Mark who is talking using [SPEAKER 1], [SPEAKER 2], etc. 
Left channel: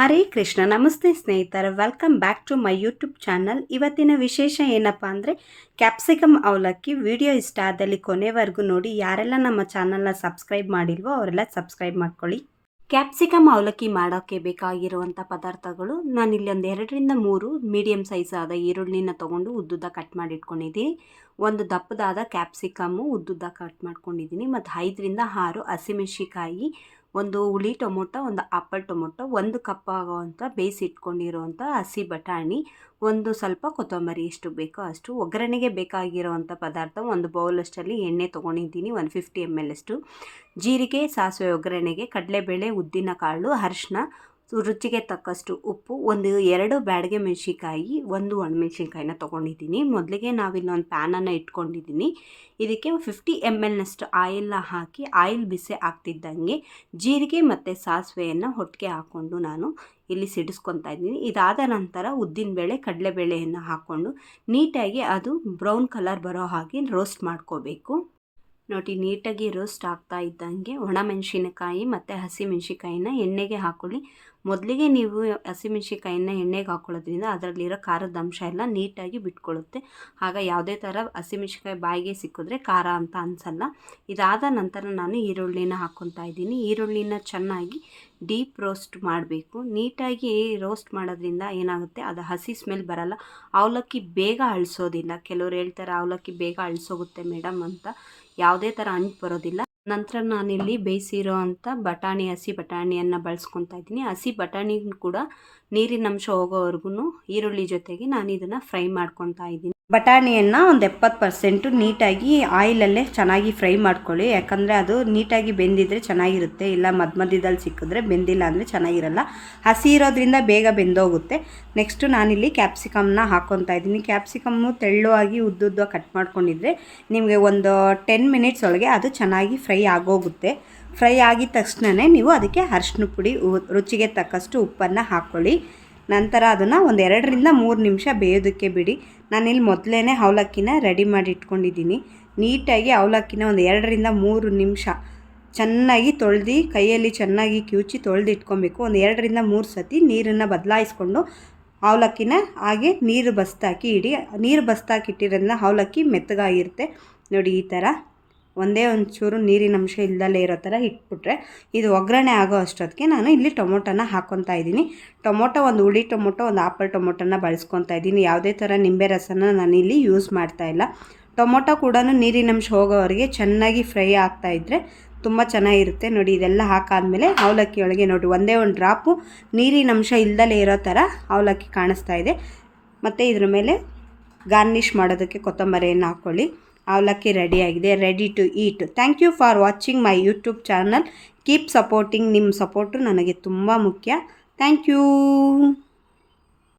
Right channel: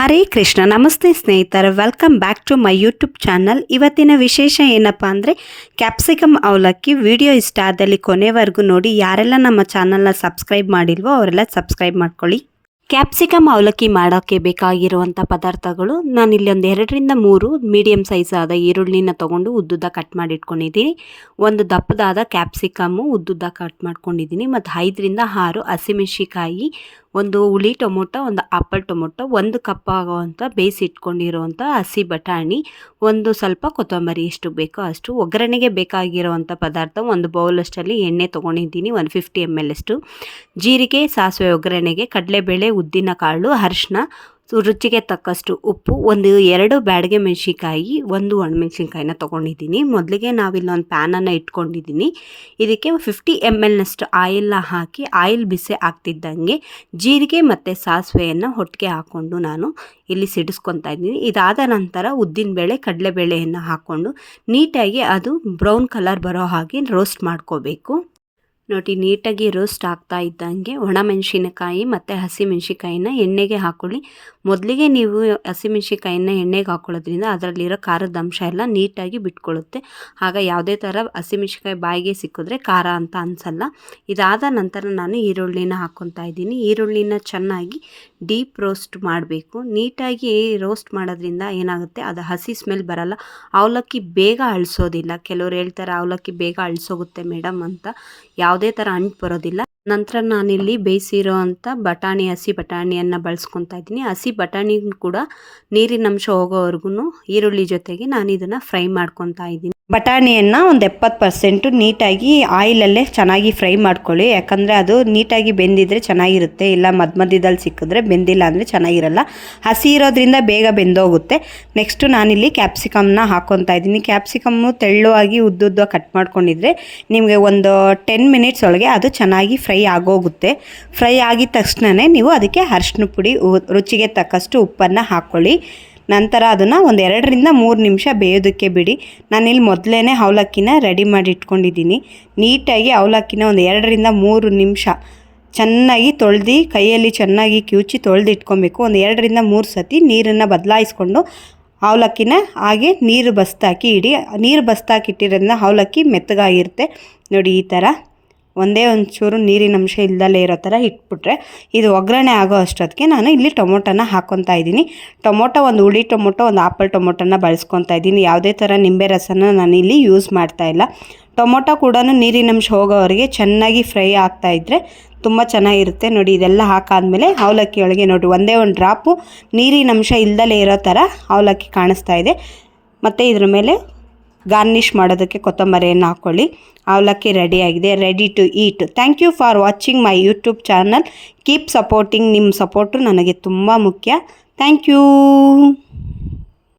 [SPEAKER 1] ಹರೇ ಕೃಷ್ಣ, ನಮಸ್ತೆ ಸ್ನೇಹಿತರೆ. Welcome back to my YouTube channel ಇವತ್ತಿನ ವಿಶೇಷ ಏನಪ್ಪ ಅಂದರೆ ಕ್ಯಾಪ್ಸಿಕಮ್ ಅವಲಕ್ಕಿ ವಿಡಿಯೋ ಇಷ್ಟ ಆದಲ್ಲಿ ಕೊನೆವರೆಗೂ ನೋಡಿ. ಯಾರೆಲ್ಲ ನಮ್ಮ ಚಾನಲ್ನ ಸಬ್ಸ್ಕ್ರೈಬ್ ಮಾಡಿಲ್ವೋ ಅವರೆಲ್ಲ ಸಬ್ಸ್ಕ್ರೈಬ್ ಮಾಡ್ಕೊಳ್ಳಿ. ಕ್ಯಾಪ್ಸಿಕಮ್ ಅವಲಕ್ಕಿ ಮಾಡೋಕ್ಕೆ ಬೇಕಾಗಿರುವಂಥ ಪದಾರ್ಥಗಳು, ನಾನು ಇಲ್ಲಿ ಒಂದು ಎರಡರಿಂದ ಮೂರು ಮೀಡಿಯಮ್ ಸೈಜ್ ಈರುಳ್ಳಿನ ತೊಗೊಂಡು ಉದ್ದುದ್ದ ಕಟ್ ಮಾಡಿಟ್ಕೊಂಡಿದ್ದೀನಿ. ಒಂದು ದಪ್ಪದಾದ ಕ್ಯಾಪ್ಸಿಕಮ್ಮು ಉದ್ದುದ್ದ ಕಟ್ ಮಾಡ್ಕೊಂಡಿದ್ದೀನಿ. ಮತ್ತು ಐದರಿಂದ ಆರು ಹಸಿಮೆಣ್ಸಿಕಾಯಿ ಒಂದು ಹುಳಿ ಟೊಮೊಟೊ, ಒಂದು ಆಪಲ್ ಟೊಮೊಟೊ, ಒಂದು ಕಪ್ ಆಗುವಂಥ ಬೇಯಿಸಿ ಇಟ್ಕೊಂಡಿರುವಂಥ ಹಸಿ ಬಟಾಣಿ, ಒಂದು ಸ್ವಲ್ಪ ಕೊತ್ತಂಬರಿ ಎಷ್ಟು ಬೇಕೋ ಅಷ್ಟು, ಒಗ್ಗರಣೆಗೆ ಬೇಕಾಗಿರೋವಂಥ ಪದಾರ್ಥ ಒಂದು ಬೌಲಷ್ಟಲ್ಲಿ ಎಣ್ಣೆ ತೊಗೊಂಡಿದ್ದೀನಿ ಒಂದು ಫಿಫ್ಟಿ ಎಂ ಎಲ್ ಅಷ್ಟು. ಜೀರಿಗೆ, ಸಾಸಿವೆ ಒಗ್ಗರಣೆಗೆ ಕಡಲೆಬೇಳೆ ಉದ್ದಿನ ಕಾಳು ಅರಿಶಿನ ರುಚಿಗೆ ತಕ್ಕಷ್ಟು ಉಪ್ಪು, ಒಂದು ಎರಡು ಬ್ಯಾಡಿಗೆ ಮೆಣಸಿನ್ಕಾಯಿ, ಒಂದು ಒಣಮೆಣ್ಸಿನ್ಕಾಯಿನ ತೊಗೊಂಡಿದ್ದೀನಿ. ಮೊದಲಿಗೆ ನಾವಿಲ್ಲೊಂದು ಪ್ಯಾನನ್ನು ಇಟ್ಕೊಂಡಿದ್ದೀನಿ. ಇದಕ್ಕೆ ಫಿಫ್ಟಿ ಎಂ ಎಲ್ನಷ್ಟು ಆಯಿಲ್ನ ಹಾಕಿ, ಆಯಿಲ್ ಬಿಸಿ ಆಗ್ತಿದ್ದಂಗೆ ಜೀರಿಗೆ ಮತ್ತು ಸಾಸಿವೆಯನ್ನು ಹೊಟ್ಟಿಗೆ ಹಾಕ್ಕೊಂಡು ನಾನು ಇಲ್ಲಿ ಸಿಡಿಸ್ಕೊತಾ ಇದ್ದೀನಿ. ಇದಾದ ನಂತರ ಉದ್ದಿನಬೇಳೆ ಕಡಲೆಬೇಳೆಯನ್ನು ಹಾಕ್ಕೊಂಡು ನೀಟಾಗಿ ಅದು ಬ್ರೌನ್ ಕಲರ್ ಬರೋ ಹಾಗೆ ರೋಸ್ಟ್ ಮಾಡ್ಕೋಬೇಕು. ನೋಡಿ, ನೀಟಾಗಿ ರೋಸ್ಟ್ ಆಗ್ತಾ ಇದ್ದಂಗೆ ಒಣಮೆಣ್ಸಿನಕಾಯಿ ಮತ್ತು ಹಸಿಮೆಣ್ಸಿಕಾಯಿನ ಎಣ್ಣೆಗೆ ಹಾಕ್ಕೊಳ್ಳಿ ಮೊದಲಿಗೆ ನೀವು ಹಸಿಮೆಣ್ಸಿಕಾಯಿನ ಎಣ್ಣೆಗೆ ಹಾಕ್ಕೊಳ್ಳೋದ್ರಿಂದ ಅದರಲ್ಲಿರೋ ಖಾರದ ಅಂಶ ಎಲ್ಲ ನೀಟಾಗಿ ಬಿಟ್ಕೊಳ್ಳುತ್ತೆ. ಆಗ ಯಾವುದೇ ಥರ ಹಸಿಮೆಣ್ಸಿಕಾಯಿ ಬಾಯಿಗೆ ಸಿಕ್ಕಿದ್ರೆ ಖಾರ ಅಂತ ಅನಿಸಲ್ಲ. ಇದಾದ ನಂತರ ನಾನು ಈರುಳ್ಳಿನ ಹಾಕ್ಕೊತಾ ಇದ್ದೀನಿ. ಈರುಳ್ಳಿನ ಚೆನ್ನಾಗಿ ಡೀಪ್ ರೋಸ್ಟ್ ಮಾಡಬೇಕು. ನೀಟಾಗಿ ರೋಸ್ಟ್ ಮಾಡೋದ್ರಿಂದ ಏನಾಗುತ್ತೆ, ಅದು ಹಸಿ ಸ್ಮೆಲ್ ಬರಲ್ಲ. ಅವಲಕ್ಕಿ ಬೇಗ ಅಳಿಸೋದಿಲ್ಲ. ಕೆಲವ್ರು ಹೇಳ್ತಾರೆ, ಅವಲಕ್ಕಿ ಬೇಗ ಅಳಿಸೋಗುತ್ತೆ ಮೇಡಮ್ ಅಂತ. ಯಾವುದೇ ಥರ ಅಂಟು ಬರೋದಿಲ್ಲ. ನಂತರ ನಾನಿಲ್ಲಿ ಬೇಯಿಸಿರೋ ಅಂಥ ಬಟಾಣಿ, ಹಸಿ ಬಟಾಣಿಯನ್ನು ಬಳಸ್ಕೊತಾ ಇದ್ದೀನಿ. ಹಸಿ ಬಟಾಣಿ ಕೂಡ ನೀರಿನ ಅಂಶ ಹೋಗೋವರೆಗೂ ಈರುಳ್ಳಿ ಜೊತೆಗೆ ನಾನು ಇದನ್ನು ಫ್ರೈ ಮಾಡ್ಕೊತಾ ಇದ್ದೀನಿ. ಬಟಾಣಿಯನ್ನು ಒಂದು ಎಪ್ಪತ್ತು ಪರ್ಸೆಂಟು ನೀಟಾಗಿ ಆಯಿಲಲ್ಲೇ ಚೆನ್ನಾಗಿ ಫ್ರೈ ಮಾಡ್ಕೊಳ್ಳಿ. ಯಾಕಂದರೆ ಅದು ನೀಟಾಗಿ ಬೆಂದಿದ್ರೆ ಚೆನ್ನಾಗಿರುತ್ತೆ. ಇಲ್ಲ ಮಧ್ಯ ಮಧ್ಯದಲ್ಲಿ ಸಿಕ್ಕಿದ್ರೆ ಬೆಂದಿಲ್ಲ ಅಂದರೆ ಚೆನ್ನಾಗಿರಲ್ಲ. ಹಸಿ ಇರೋದ್ರಿಂದ ಬೇಗ ಬೆಂದೋಗುತ್ತೆ. ನೆಕ್ಸ್ಟು ನಾನಿಲ್ಲಿ ಕ್ಯಾಪ್ಸಿಕಮ್ನ ಹಾಕ್ಕೊತಾ ಇದ್ದೀನಿ. ಕ್ಯಾಪ್ಸಿಕಮ್ಮು ತೆಳ್ಳುವಾಗಿ ಉದ್ದುದ್ದ ಕಟ್ ಮಾಡ್ಕೊಂಡಿದ್ರೆ ನಿಮಗೆ ಒಂದು ಟೆನ್ ಮಿನಿಟ್ಸ್ ಒಳಗೆ ಅದು ಚೆನ್ನಾಗಿ ಫ್ರೈ ಆಗೋಗುತ್ತೆ. ಫ್ರೈ ಆಗಿದ ತಕ್ಷಣವೇ ನೀವು ಅದಕ್ಕೆ ಅರ್ಶಿನ ಪುಡಿ ರುಚಿಗೆ ತಕ್ಕಷ್ಟು ಉಪ್ಪನ್ನು ಹಾಕ್ಕೊಳ್ಳಿ ನಂತರ ಅದನ್ನು ಒಂದು ಎರಡರಿಂದ ಮೂರು ನಿಮಿಷ ಬೇಯೋದಕ್ಕೆ ಬಿಡಿ. ನಾನಿಲ್ಲಿ ಮೊದಲೇ ಅವಲಕ್ಕಿನ ರೆಡಿ ಮಾಡಿ ಇಟ್ಕೊಂಡಿದ್ದೀನಿ ನೀಟಾಗಿ ಅವಲಕ್ಕಿನ ಒಂದು ಎರಡರಿಂದ ಮೂರು ನಿಮಿಷ ಚೆನ್ನಾಗಿ ತೊಳೆದು, ಕೈಯಲ್ಲಿ ಚೆನ್ನಾಗಿ ಕಿವುಚಿ ತೊಳೆದು ಇಟ್ಕೊಬೇಕು ಒಂದು ಎರಡರಿಂದ ಮೂರು ಸತಿ ನೀರನ್ನು ಬದಲಾಯಿಸ್ಕೊಂಡು ಅವಲಕ್ಕಿನ ಹಾಗೆ ನೀರು ಬಸ್ತಾಕಿ ಇಡಿ. ನೀರು ಬಸ್ತಾಕಿ ಇಟ್ಟಿರೋದ್ರಿಂದ ಅವಲಕ್ಕಿ ಮೆತ್ತಗಾಗಿರುತ್ತೆ. ನೋಡಿ ಈ ಥರ ಒಂದೇ ಒಂಚೂರು ನೀರಿನ ಅಂಶ ಇಲ್ದಲೇ ಇರೋ ಥರ ಇಟ್ಬಿಟ್ರೆ ಇದು ಒಗ್ಗರಣೆ ಆಗೋ ಅಷ್ಟೊತ್ತಿಗೆ ನಾನು ಇಲ್ಲಿ ಟೊಮೊಟೊನ ಹಾಕ್ಕೊತಾ ಇದ್ದೀನಿ. ಟೊಮೊಟೊ ಒಂದು ಹುಳಿ ಟೊಮೊಟೊ, ಒಂದು ಆಪಲ್ ಟೊಮೊಟೊನ ಬಳಸ್ಕೊತಾ ಇದ್ದೀನಿ. ಯಾವುದೇ ಥರ ನಿಂಬೆ ರಸನ ನಾನು ಇಲ್ಲಿ ಯೂಸ್ ಮಾಡ್ತಾ ಇಲ್ಲ. ಟೊಮೊಟೊ ಕೂಡ ನೀರಿನ ಅಂಶ ಹೋಗೋವರೆಗೆ ಚೆನ್ನಾಗಿ ಫ್ರೈ ಆಗ್ತಾ ಇದ್ದರೆ ತುಂಬ ಚೆನ್ನಾಗಿರುತ್ತೆ. ನೋಡಿ, ಇದೆಲ್ಲ ಹಾಕಾದಮೇಲೆ ಅವಲಕ್ಕಿ ಒಳಗೆ ನೋಡಿ, ಒಂದೇ ಒಂದು ಡ್ರಾಪು ನೀರಿನ ಅಂಶ ಇಲ್ದಲೇ ಇರೋ ಥರ ಅವಲಕ್ಕಿ ಕಾಣಿಸ್ತಾ ಇದೆ. ಮತ್ತು ಇದ್ರ ಮೇಲೆ ಗಾರ್ನಿಷ್ ಮಾಡೋದಕ್ಕೆ ಕೊತ್ತಂಬರಿಯನ್ನು ಹಾಕ್ಕೊಳ್ಳಿ ಅವಲಕ್ಕಿ ರೆಡಿಯಾಗಿದೆ ready to eat thank you for watching my YouTube channel keep supporting ನಿಮ್ಮ ಸಪೋರ್ಟು ನನಗೆ ತುಂಬ ಮುಖ್ಯ. Thank you